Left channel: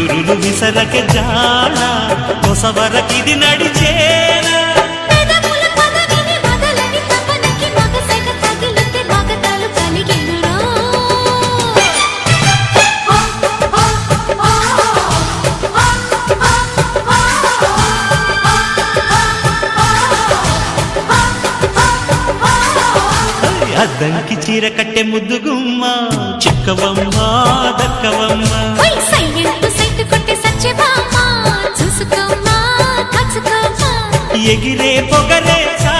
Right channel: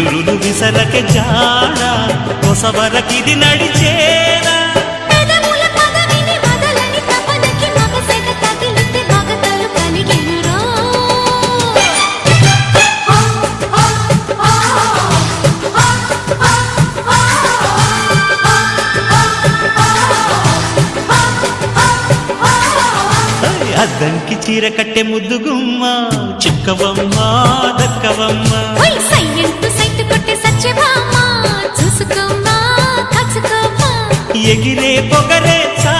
విసురులు విసరకే జాడ కొసవరకిది నడిచేనా అద్దంకి చీర కట్టె ముద్దుగుమ్మ చిక్కవమ్మ దక్కవమ్మ సైట్ కొట్టే సత్యభామ చూసుకోమ్మా కాచుకోమ్మా ఎగిరే పొగరే చా